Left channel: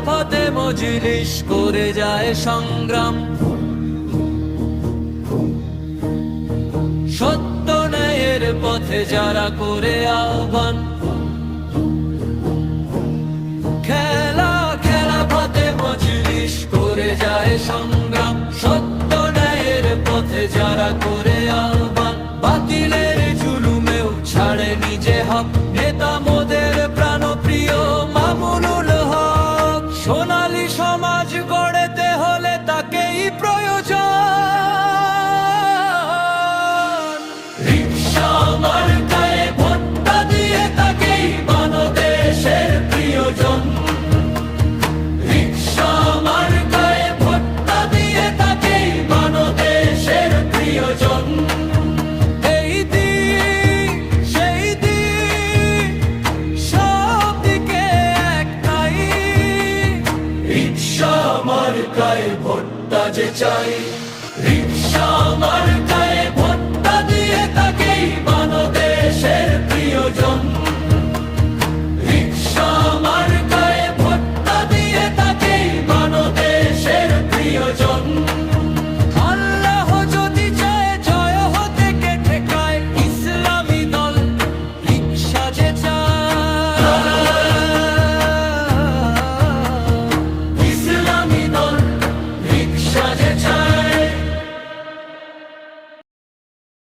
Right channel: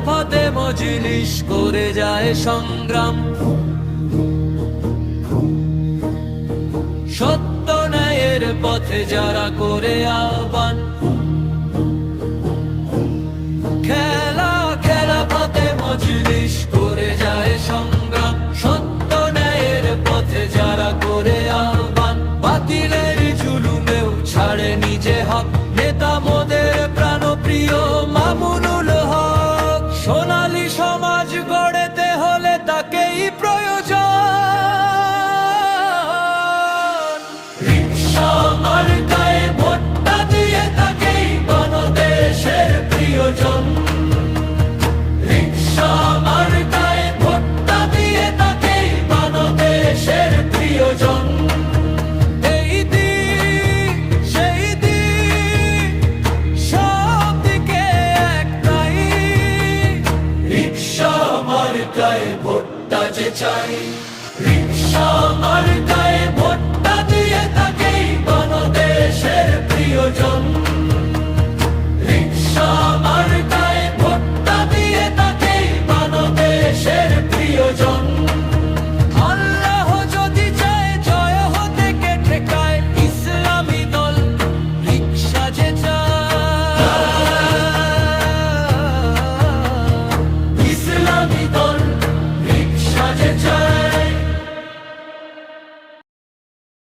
খেলাফতে মজলিস করে যায় সংগ্রাম, সত্য ন্যায়ের পথে যারা করে আহ্বান। খেলাফতে মজলিস করে যায় সংগ্রাম, সত্য ন্যায়ের পথে যারা করে আহ্বান। বাতিলের